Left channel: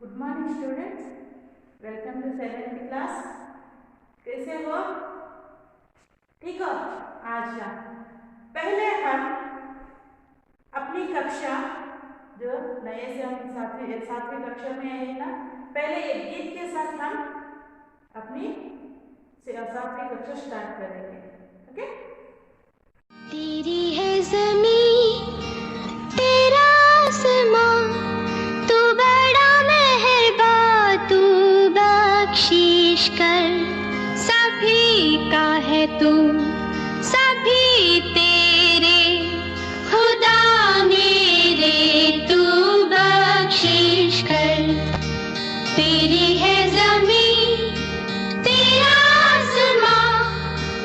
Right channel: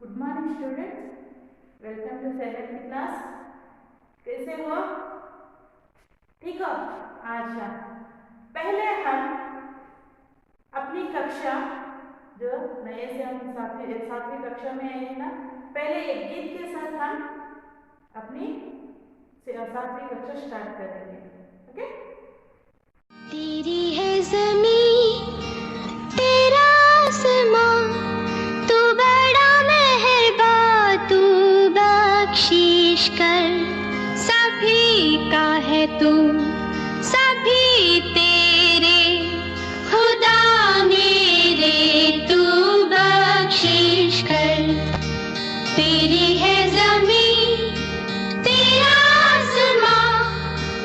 Good morning students, welcome to 7th class. कैसे हो? ठीक हो? अच्छा, पहले हम अपनी कक्षा जो नए से हम सातवीं कक्षा में है ना, पहले एक गीत के साथ हम अपनी सातवीं कक्षा स्टार्ट करेंगे। ओके? तेरी है ज़मीं तेरा आसमां, तू बड़ा मेहरबान, तू बख्शिश कर। सभी का है तू, सभी तेरे खुदा मेरे, तू बख्शिश कर। तेरी है ज़मीं तेरा आसमां,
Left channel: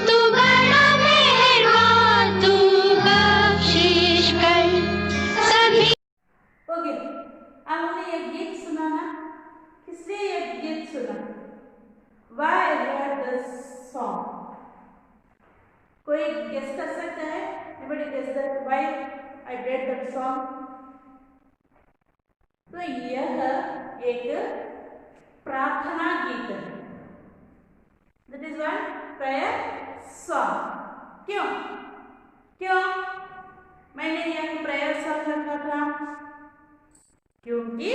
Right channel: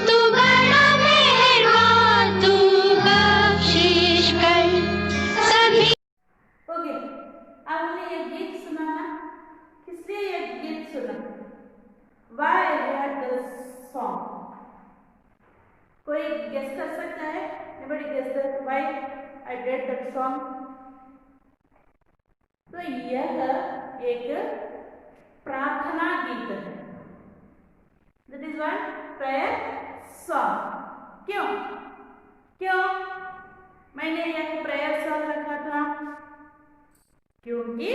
तू बड़ा मेहरबान, तू बख्शिश कर। सभी ओके, अब हमने ये गीत सुना ना, किसने ये गीत सुना? Why I read this song? कोई गेस कर सकता है? Anybody guess that why I read that song? तो यह एक प्रार्थना गीत है। That is one prayer song. क्यों? क्यों मैंने यह प्रेयर सॉन्ग रखा था? क्योंकि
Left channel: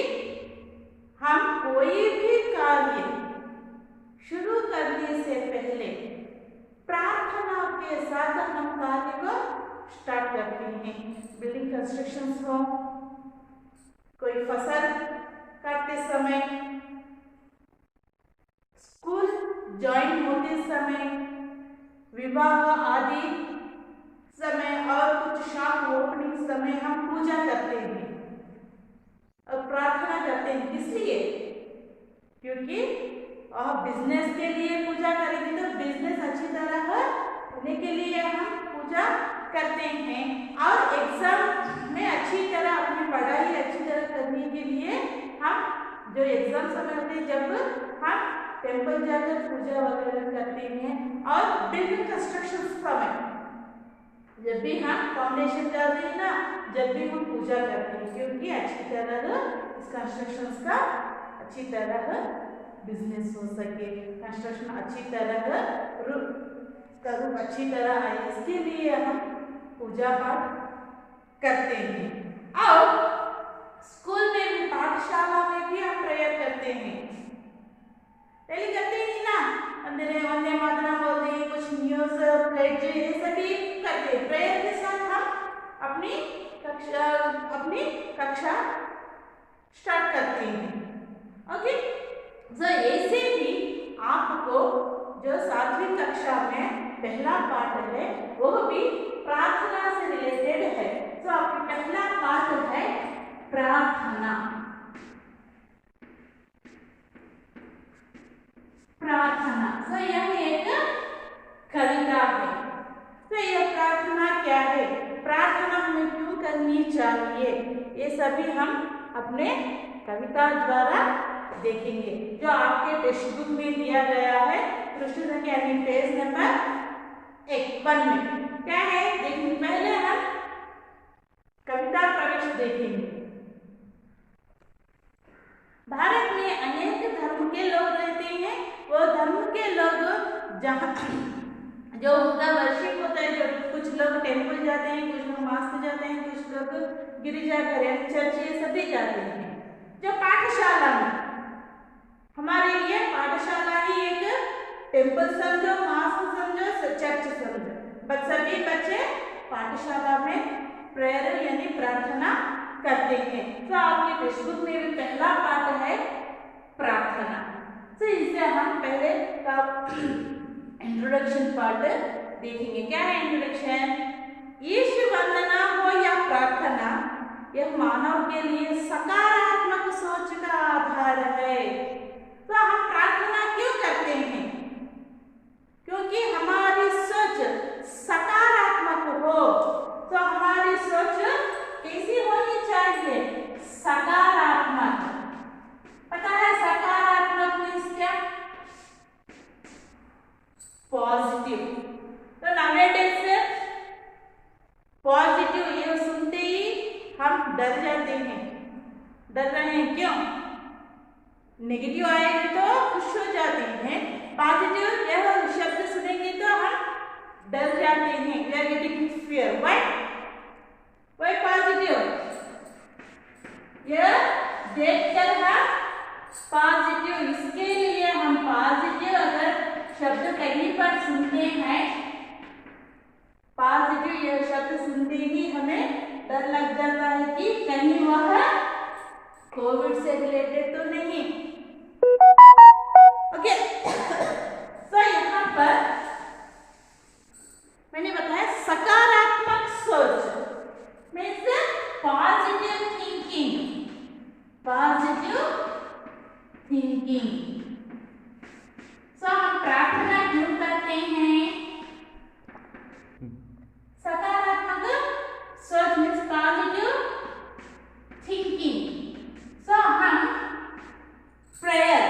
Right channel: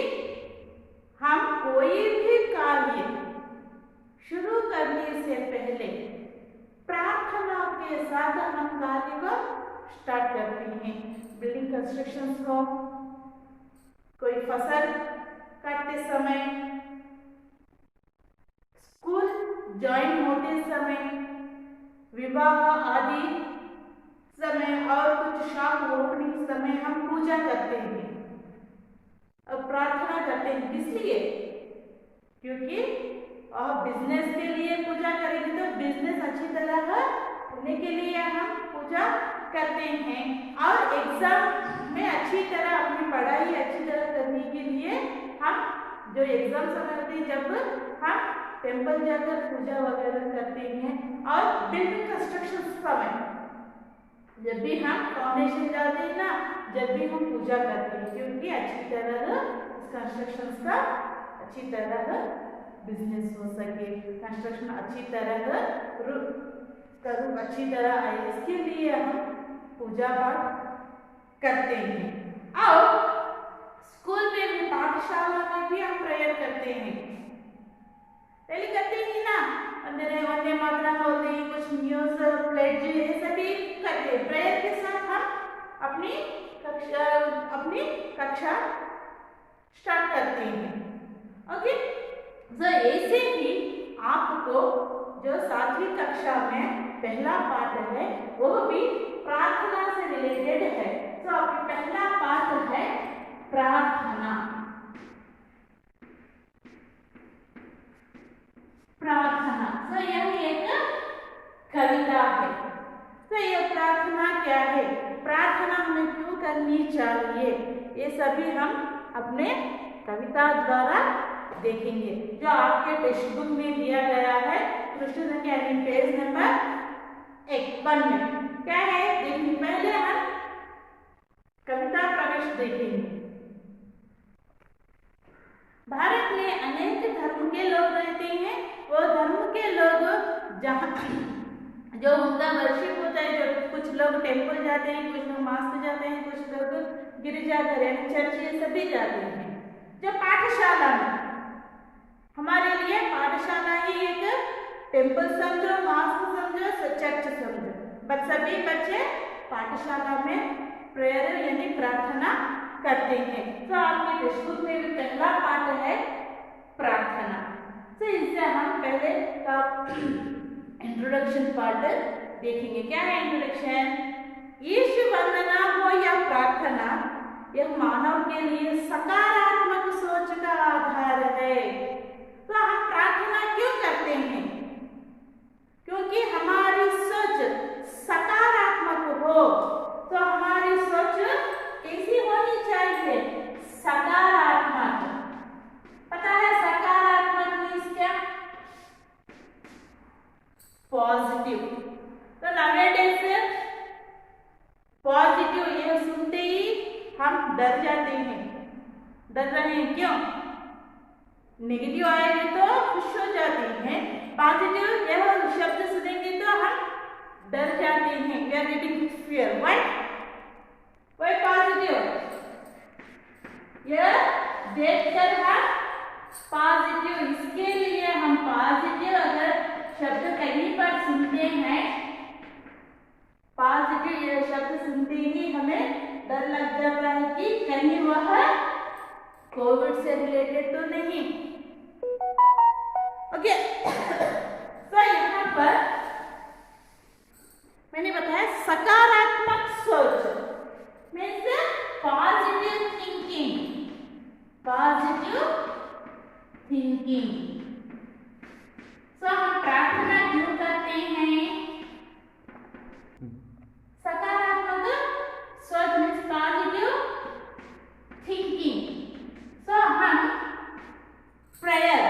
हम कोई भी कार्य शुरू करने से पहले प्रार्थना के साथ हम कार्य को स्टार्ट करते हैं। बिल्डिंग कंस्ट्रक्शंस हो, कोई फसल काटते समय, स्कूल ज्वाइन होते समय, विवाह आदि समय और कुछ शॉप ओपनिंग समय हम पूजा करते हैं और प्रार्थना करते हैं। इसलिए क्योंकि और बिजनेस के लिए पूजा करेंगे तो बिजनेस अच्छी तरह होने के लिए हम पूजा करते हैं, और एग्जाम में अच्छी तरह अपनी पढ़ाई अच्छी तरह करने के लिए हम जो एग्जाम समय होते हैं जब हम टेम्पल जाकर पूजा वगैरह करते हैं, और बिल्डिंग कंस्ट्रक्शन समय जब भी हम फाउंडेशन डालते हैं ना, जब भी हम पूजा करते हैं, क्योंकि अच्छी तरह इस कंस्ट्रक्शन का अच्छी तरह बिजनेस हो सके, कंस्ट्रक्शन अच्छी तरह रूप अच्छी तरह आए, इसके लिए हम पूजा पाठ करते हैं। और स्कूल में भी, पाठशाला में भी हम प्रेयर करते हैं। पहले करते ही ना, वंदे मातरम बोलते हैं, कुछ न्यूज प्लेज ये सभी करते हैं। प्रेयर के साथ हम अपनी कक्षा स्टार्ट करते हैं। ओके, तो ऐसे ही आपको जो सातवीं कक्षा में पहला पाठ है वह भी प्रार्थना से रिलेटेड है। तो आपका पहला पाठ है प्रार्थना। प्रार्थना तो यह एक कविता है। तो यह प्रार्थना क्या है, प्रार्थना हमें क्यों करनी चाहिए, ये सभी हम अपने कविता द्वारा देखेंगे, जो आपके टेक्स्ट बुक में दिया गया है। पृष्ठ संख्या पेज नंबर 1 में क्या है देखेंगे। पहले हम कविता प्रवेश देखेंगे। भारत में अनेक धर्म के लोग रहते हैं। वो धर्म के लोग जहाँ जो उनका वर्शिप होता है, जो कुछ लोग टेम्पल जाते हैं, कुछ लोग मास्क जाते हैं, कुछ लोग गिरजाघर यानी चर्च ये सभी जाते हैं। जो पाठशाला में, हमारे लिए पाठशाला ही एक टेम्पल समझो, मास्क समझो, चर्च समझो, बट सभी बच्चे पाठशाला में प्रेयर यानी प्रार्थना करते हैं। तो आपके टेक्स्ट बुक में भी पहला पाठ है प्रार्थना। तो इससे हम पहले का इंट्रोडक्शन पार्ट देखेंगे। क्या है इंट्रोडक्शन? यीशु वंदना हो या प्रार्थना, यह मानव के लिए सकारात्मक सोच का आधार है। तो हम प्रार्थना क्यों करते हैं? क्योंकि हमारी सोच सकारात्मक हो। तो हमारी सोच कैसी होनी चाहिए? सकारात्मक। पता है सकारात्मक मीन्स क्या? पॉजिटिव। तो नवेडेज पॉजिटिव ये सुनते ही हम डर जाते हैं। डर रहे हैं क्यों? नेगेटिव आएगी तो खुश हो जाते हैं, पॉजिटिव यह शब्द सुनेंगे तो हम डर जाते हैं, we are getting fear. Why positive? यह देखकर हम पॉजिटिव, इसके लिए हम पॉजिटिव अगर शब्द कहीं पर सुनते हैं, पॉजिटिव यह शब्द सुनते ही हमें डर लग जाता है कि कहीं वह कोविड से रिलेटेड तो नहीं। ओके, तो यहाँ पर मैंने बताया सकारात्मक सोच means positive thinking, positive thinking. So हम प्रार्थना क्यों करते हैं? सकारात्मक सोच मीन्स पॉजिटिव थिंकिंग। सो हम प्रेयर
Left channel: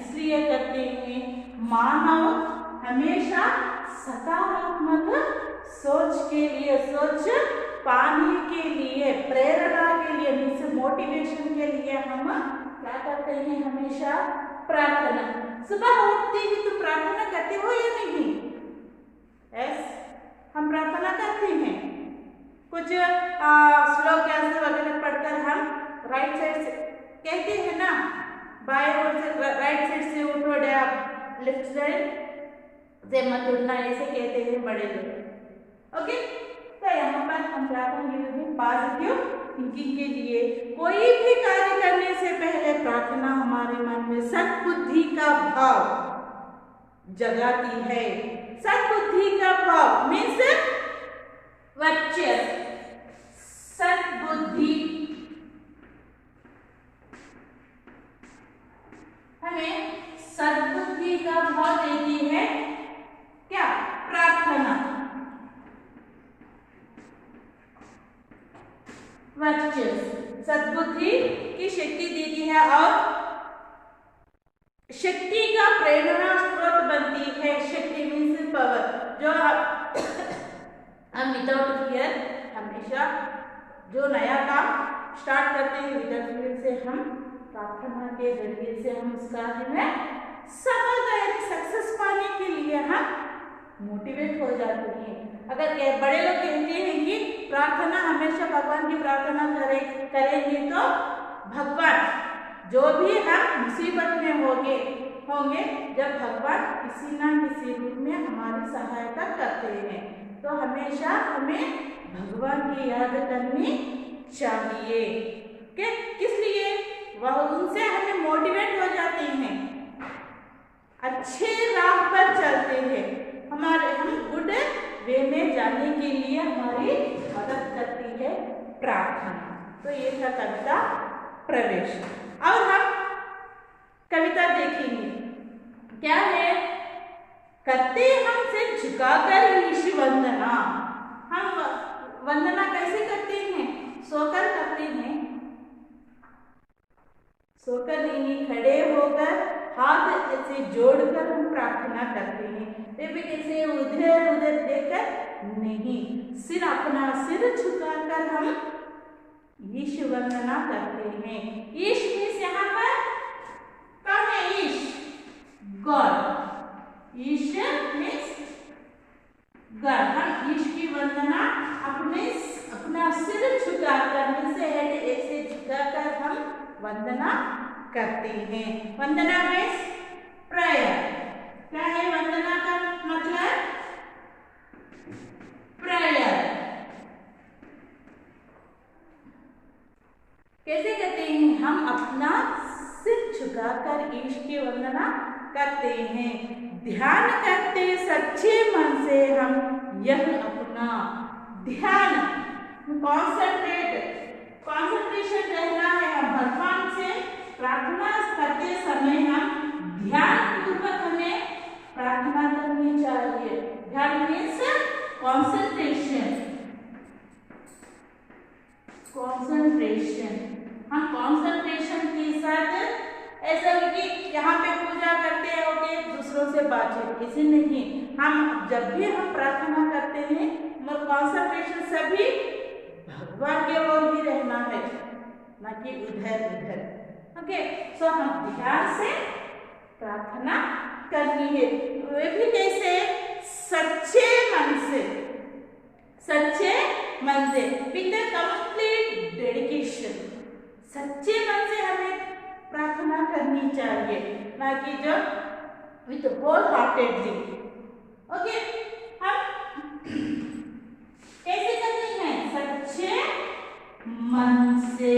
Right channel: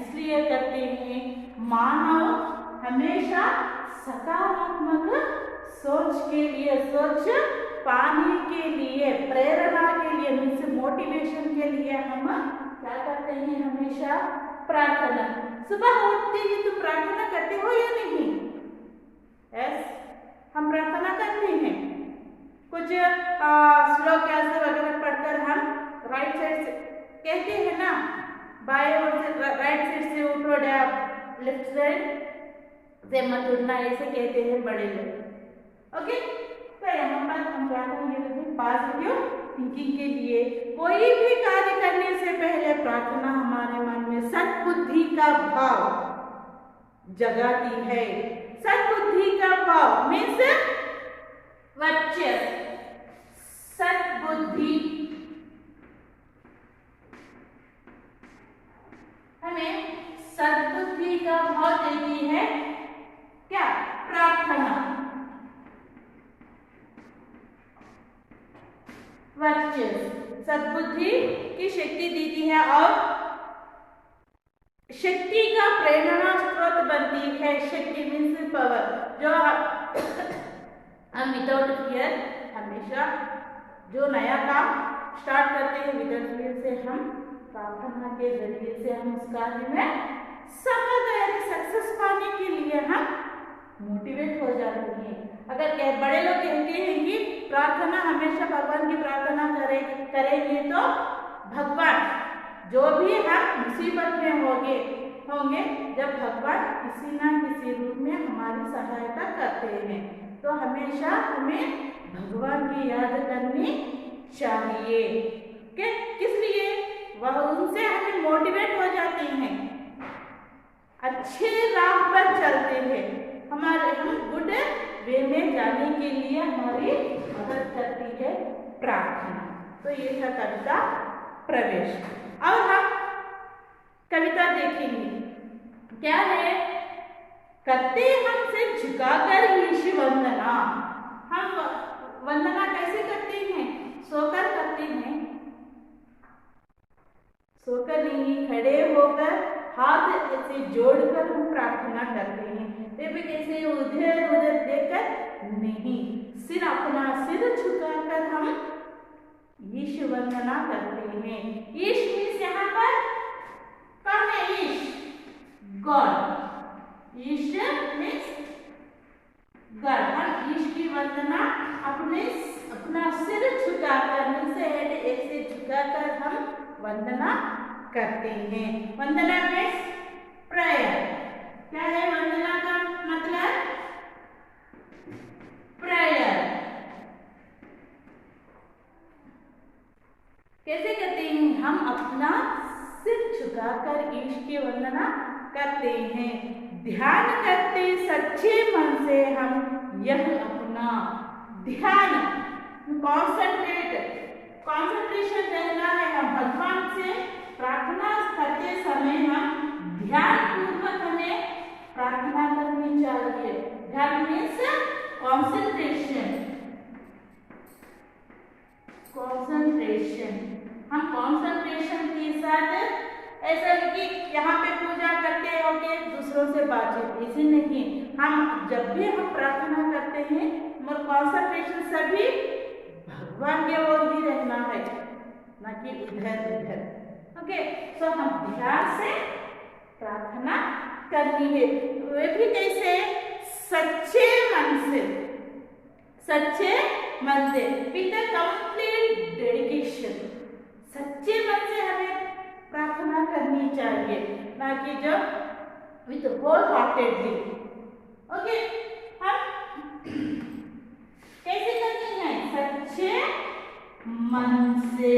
इसलिए करते हैं, मानव हमेशा सकारात्मक सोच के लिए, सोच पाने के लिए, प्रेरणा के लिए मीन्स मोटिवेशन के लिए हम क्या करते हैं? हमेशा प्रार्थना। सुबह उठते ही तो प्रार्थना करते हो या नहीं? यस, हम प्रार्थना करते हैं। कुछ श्लोक वगैरह पढ़कर हम राइट साइड से कहते हैं ना, बाएं ओर से राइट साइड से उठो, लेफ्ट साइड से मत उठना, ऐसे कहते हैं बड़े लोग। ओके, तो यहाँ पर हम प्रार्थना ये पॉजिटिव थिंकिंग के लिए कोई भी कार्य करने से पहले प्रार्थना हमारे मन में सद्बुद्धि का भाव जगाती है। सद्बुद्धि का भाव मीन्स वर्चस्व, सद्बुद्धि हमें सद्बुद्धि का भाव देती है क्या? प्रार्थना। वर्चस्व सद्बुद्धि की शक्ति देती है और शक्ति का प्रेरणा स्रोत बनती है। शक्ति मीन्स पावर, जो हम विदाउट फियर हमेशा जो नया काम स्टार्ट करते हैं विदाउट फियर से, हम प्रार्थना के जरिए से हम उस कार्य में सफलता यानी सक्सेस पाने के लिए हम मोटिवेट हो जाते हैं। अगर बड़े लोग कहते हैं कि प्रार्थना हमेशा भगवान की प्रार्थना करेंगे तो भगवान जो भी हम मुसीबत में होंगे जब भगवान किसी ना किसी रूप में हमारी सहायता करते हैं, तो हमेशा हमें भगवान की याद करनी चाहिए। किस लिए? वह उनसे हमें मोटिवेट हो जाते हैं, अच्छे राह पर चलते हैं, हम गुड वे में जाने के लिए हमारी मदद करती है प्रार्थना। तो ये था कविता प्रवेश। और हम कविता देखेंगे क्या है? करते हमसे झुकाकर ईश वंदना। हम वंदना कैसे करते हैं? सोकर करते हैं, सोकर नहीं, खड़े होकर हाथ ऐसे जोड़कर हम प्रार्थना करते हैं। भी कैसे उधर उधर देखकर नहीं, सिर अपना सिर झुकाकर हम ईश वंदना करते हैं। ईश मीन्स यहाँ पर कौन है? ईश, गॉड। ईश मीन्स गॉड। हम ईश की वंदना अपना सिर झुकाकर, नीचे हेड ऐसे झुकाकर हम वंदना करते हैं। वंदना मीन्स प्रेयर। क्या है वंदना का मतलब? प्रेयर। कैसे करते हैं? हम अपना सिर झुकाकर ईश की वंदना करते हैं। ध्यान करते सच्चे मन से हम यह अपना ध्यान, कंसंट्रेशन रहना है। हम भगवान से प्रार्थना करते समय हम ध्यान पूर्वक हमें प्रार्थना करनी चाहिए। ध्यान मीन्स कंसंट्रेशन। हम कंसंट्रेशन के साथ ऐसा कि यहाँ पे पूजा करते होंगे दूसरों से बातचीत, इसे नहीं। हम जब भी हम प्रार्थना करते हैं हमारा कंसंट्रेशन सभी भगवान के ओर ही रहना है, ना कि इधर उधर। ओके, सो हम ध्यान से प्रार्थना करनी है, वे भी कैसे, सच्चे मन से, सच्चे मन से, विद कंप्लीट डेडिकेशन, सच्चे मन से हमें प्रार्थना करनी चाहिए, ना कि जो विद होल हार्टेडली। ओके, हम कैसे करते हैं, सच्चे मन से,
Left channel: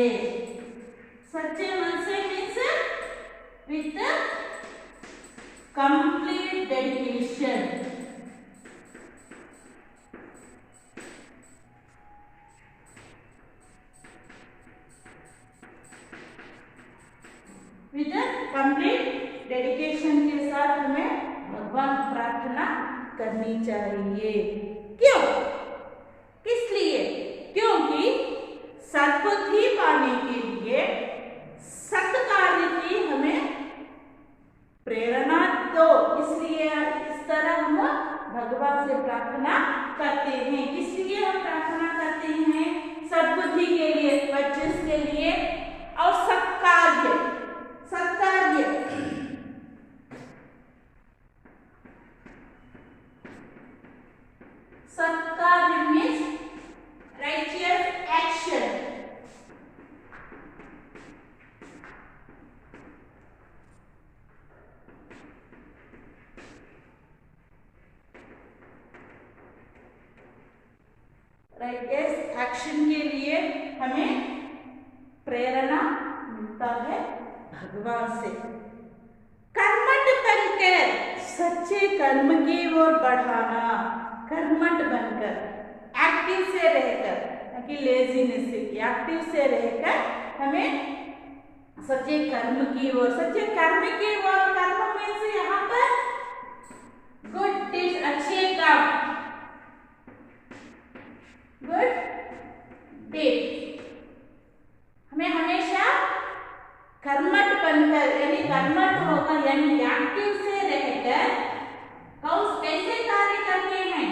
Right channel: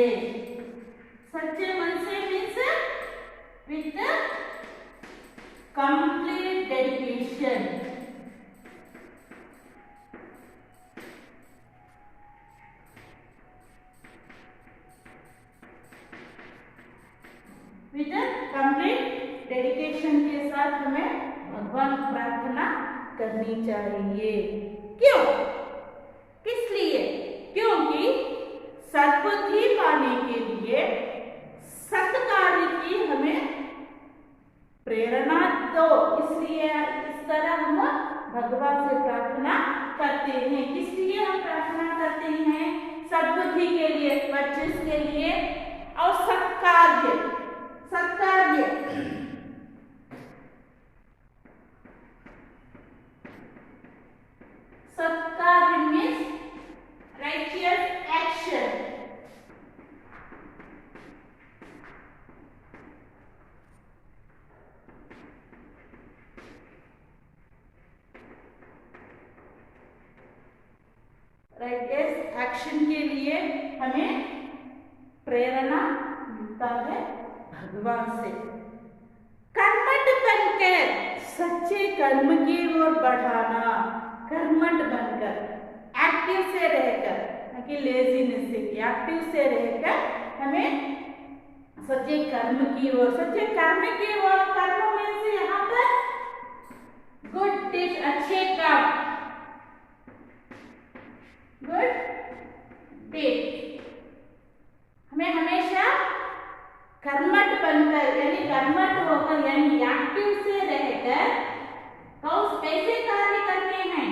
सच्चे मन से means with complete dedication, with complete dedication के साथ हमें भगवान प्रार्थना करनी चाहिए। क्यों, किस लिए, क्योंकि सद्बुद्धि पाने के लिए सत्कार्य की हमें प्रेरणा दो, इसलिए इस तरह हम भगवान से प्रार्थना करते हैं। किस लिए हम प्रार्थना करते हैं, सद्बुद्धि के लिए, वर्चस्व के लिए और सत्कार्य, सत्कार्य सत्कार्य means righteous action, righteous action के लिए हमें प्रेरणा मिलता है भगवान से। कर्मठ बनकर सच्चे कर्म की ओर बढ़ाना, कर्मठ बनकर, एक्टिव से रहकर, कि लेजीनेस से, एक्टिव से रहकर हमें सच्चे कर्म की ओर, सच्चे कर्म की ओर, कर्म में से यहाँ पर गुड डीड्स, अच्छे काम, गुड डीड्स, हमें हमेशा कर्मठ बनकर, यानी कर्मठ होकर, यानी एक्टिव से रहकर कैसे कार्य करने हैं,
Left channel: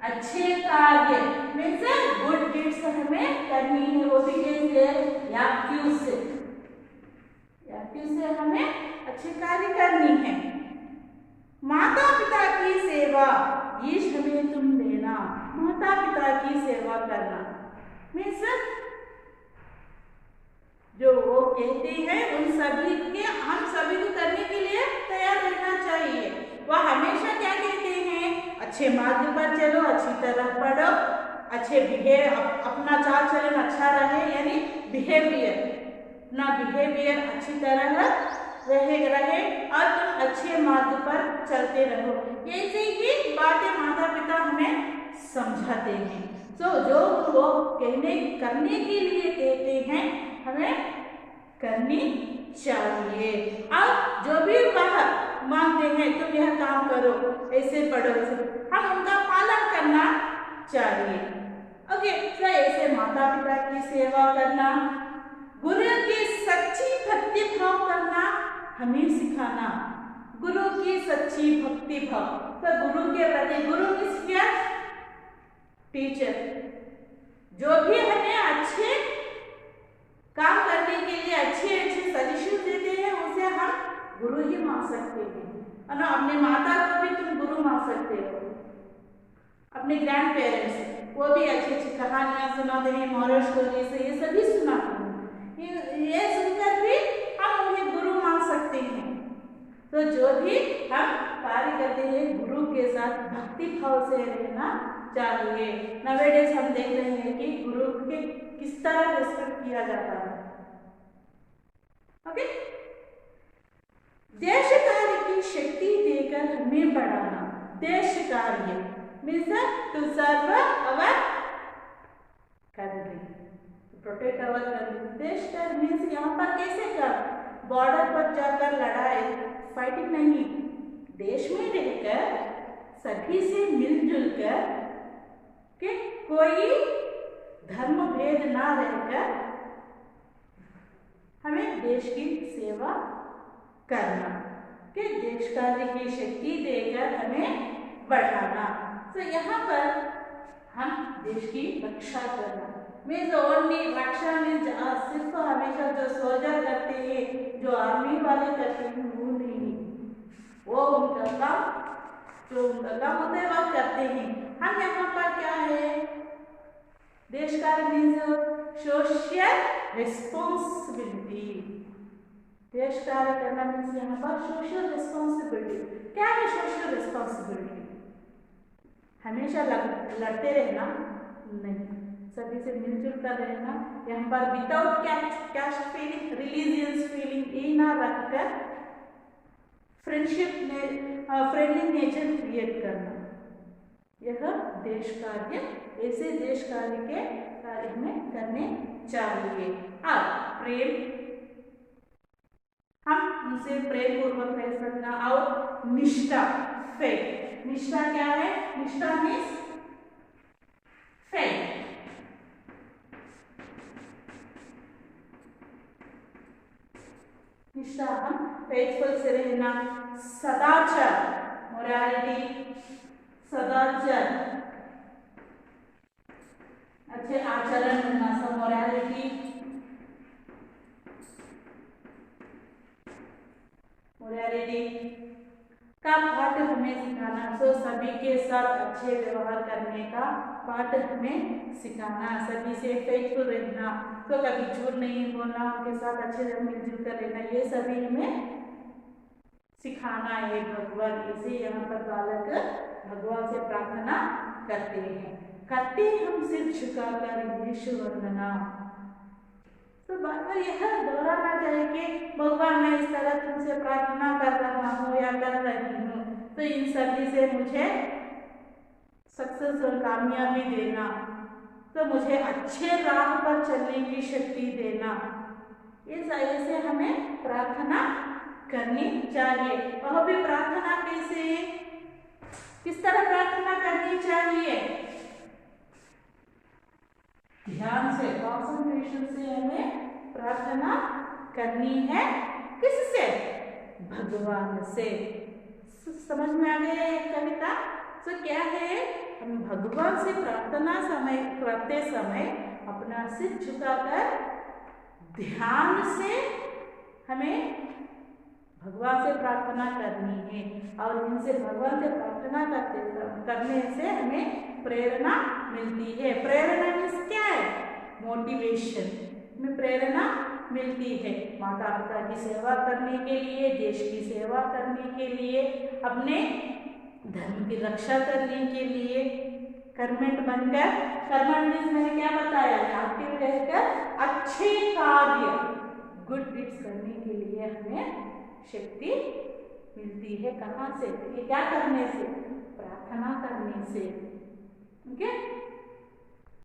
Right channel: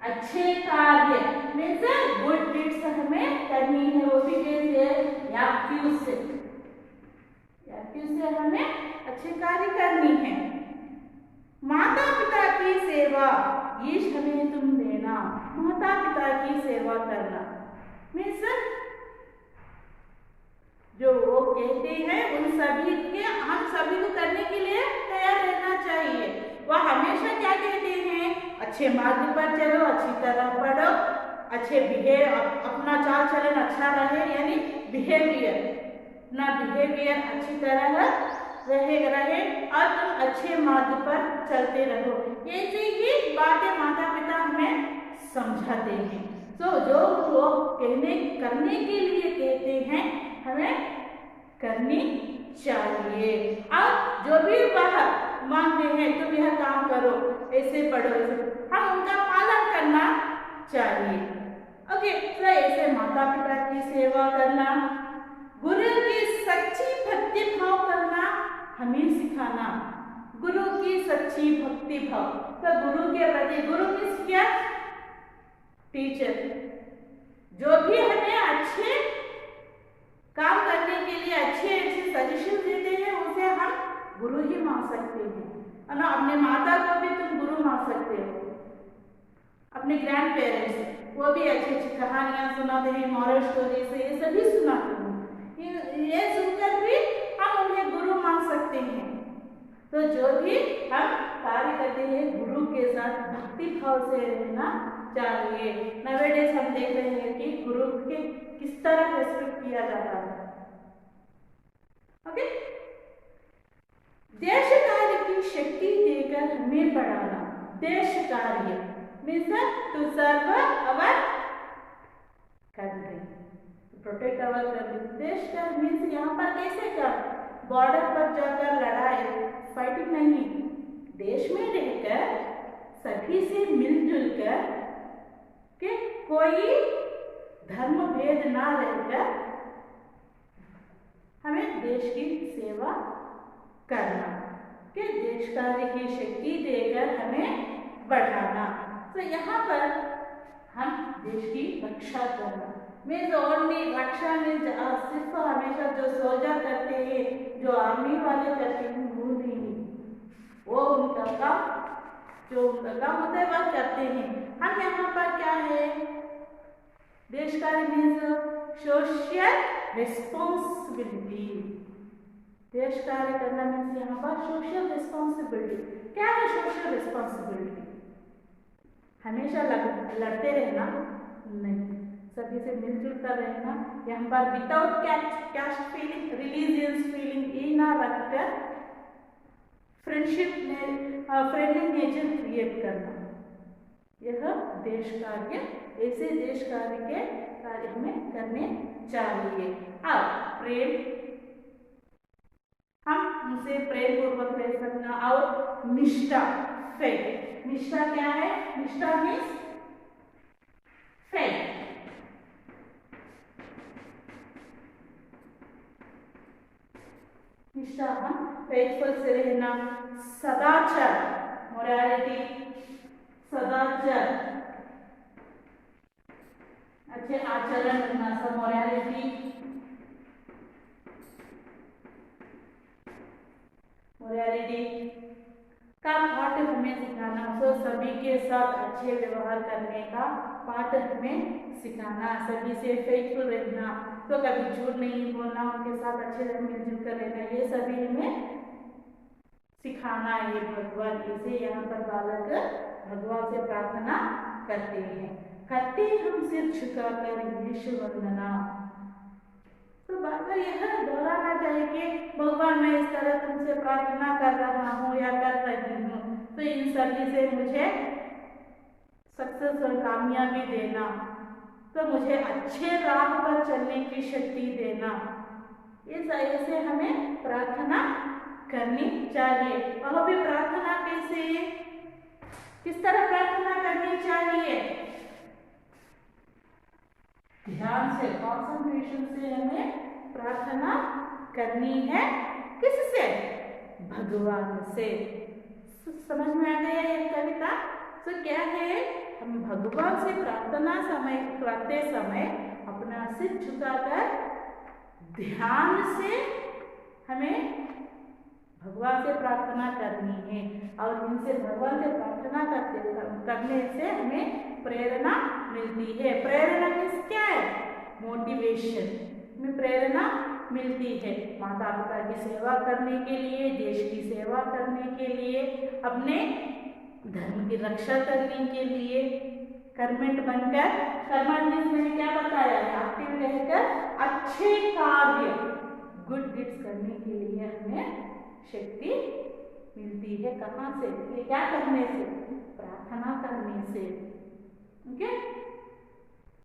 अच्छे कार्य मीन्स गुड डीड्स हमें करनी है, वो भी कैसे, एक्टिव से, एक्टिव से हमें अच्छे कार्य करनी है। माता पिता की सेवा, ईश हमें तुम देना, माता पिता की सेवा करना मीन्स जो वो कहते हैं उन सभी के, हम सभी को करने के लिए तैयार रहना चाहिए। वह हमेशा क्या कहते हैं, अच्छे मार्ग पर चलो, अच्छी तरह पढ़ो, अच्छे बिहेव, अपना चाल चलन अच्छा रहे, यानी बिहेवियर, अपना बिहेवियर अच्छी तरह रहे और तुम अच्छे मार्ग पर चलते रहो। ऐसे ही बातें माता पिता हमें समझाते हैं। तो जो वो करने के लिए कहते हैं हमें करनी चाहिए, और जो भी वह मांगते हैं तुम यह काम करो, ऐसे पढ़ो, ऐसे, हम उनका पालन करना चाहिए। ओके, तो ऐसे माता पिता की सेवा करना, गुरु की सच्ची भक्ति भाव करना हमें सिखाना, गुरु की सच्ची भक्ति भाव, तो गुरु के प्रति, गुरु मीन्स क्या, टीचर, जो भी हमें अच्छे काम करने के लिए अच्छे सजेशन देते हैं उसे हम गुरु ही मान सकते हैं, और ना अपने माता को भी तुम गुरु मान सकते हो, अपने ग्रैंड पेरेंट्स, वो भी अच्छी अच्छी कहानियां सुनाते हैं, मॉरल स्टोरी से, ये सभी सुनाते हैं, ये सुनकर भी हम उन्हें गुरु मान सकते हैं। तो जो भी हम कार्य करते हैं गुरु के साथ भक्ति भाव से रहना चाहिए। नवेडेज हम देख रहे हैं कि गुरु के किस तरह रेस्पेक्ट किया जाता है। ओके, देश कार्य की शक्ति देकर हमें बढ़ाना, देश कार्य means to serve our country, protect our country. देश कार्य मीन्स यहाँ पर कैसे कर, बॉर्डर पर जाकर लड़ाई, फाइटिंग नहीं, देश में रहकर सभी से मिलजुल कर के, कोई धर्म भेद ना रहकर हमें देश की सेवा करना, कि देश कार्य की शक्ति देकर हमें बढ़ाना। तो यहाँ पर हम देश की रक्षा करना, मीन्स ओनली रक्षा में सिर्फ हमेशा जो सोल्जर करते हैं, जो आर्मी वाले करते हैं, वो नहीं, वो उनका काम, जो उनका काम होता है वह करते हैं। हम यहाँ पर क्या है, देश कार्य मीन्स सोशल रिस्पॉन्सिबिलिटी। देश कार्य करना मीन्स यहाँ पर सोशल रिस्पॉन्सिबिलिटी। क्या है सोशल रिस्पॉन्सिबिलिटी? हमेशा लड़ते रहना नहीं, सभी से मिलजुल कर रहना। यहाँ पर without caste feeling, religious feeling ये ना रखकर फ्रेंडशिप में फ्रेंडली नेचर क्रिएट करना, यह देश कार्य, ऐसे देश कार्य के कार्य हमें करने चाहिए। अब प्रेम, हम उनसे प्रेम पूर्वक रह सकना। और निष्ठा, फेथ। निष्ठा क्या है? निष्ठा मीन्स फेथ। निष्ठा, हम फेथफुल से रहना। सदाचार, मोरालिटी, सदाचार, अच्छे आचरण करना, सब मोरालिटी, मोरालिटी का पाठ हमें सिखाना। तो सभी के साथ अच्छे व्यवहार करने का पाठ हमें सिखाना, सभी से फेथफुल रहना, तो कभी झूठ नहीं बोलना, उनके साथ अच्छे से मिलजुल कर रहना, ये सभी हमें सिखाना है भगवान। इसे यहाँ पर बालक भगवान से प्रार्थना करते हैं। करते हम सिर झुकाकर यीशु वंदना। तो बार बार यह दोहराना चाहिए कि भगवान मैं इस तरह तुमसे प्रार्थना कर रहा हूँ या कर रही हूँ, तो इन सभी से मुझे सक्सेस और कामयाबी देना, तो मुझे अच्छे राह पर चलने की शक्ति देना। इस ऐसे हमें प्रार्थना करनी चाहिए। वह भी प्रार्थना कैसे, किस तरह प्रार्थना करनी चाहिए? ध्यान से, कॉन्सेंट्रेशन से हमें प्रार्थना करनी है। किससे? भगवान से। समझ में आ गया ये कविता? तो क्या है, हम भगवान से प्रार्थना करते समय अपना सिर झुकाकर ध्यान से हमें भगवान से प्रार्थना करनी है। और इनसे भगवान से प्रार्थना करने से हमें प्रेरणा मिलती है। प्रेरणा मीन्स क्या है? मोटिवेशन में प्रेरणा मिलती है। माता पिता की सेवा करने के लिए, देश की सेवा करने के लिए, अपने धर्म की रक्षा करने के लिए, कर्मठ बनकर, कर्मठ मीन्स मैंने क्या बताया, एक्टिव रहकर अच्छे कार्य, गुड डीड्स करने के लिए हमें शक्ति मिलती है। कहाँ से? ये क्या करने से? प्रार्थना करने से। ओके।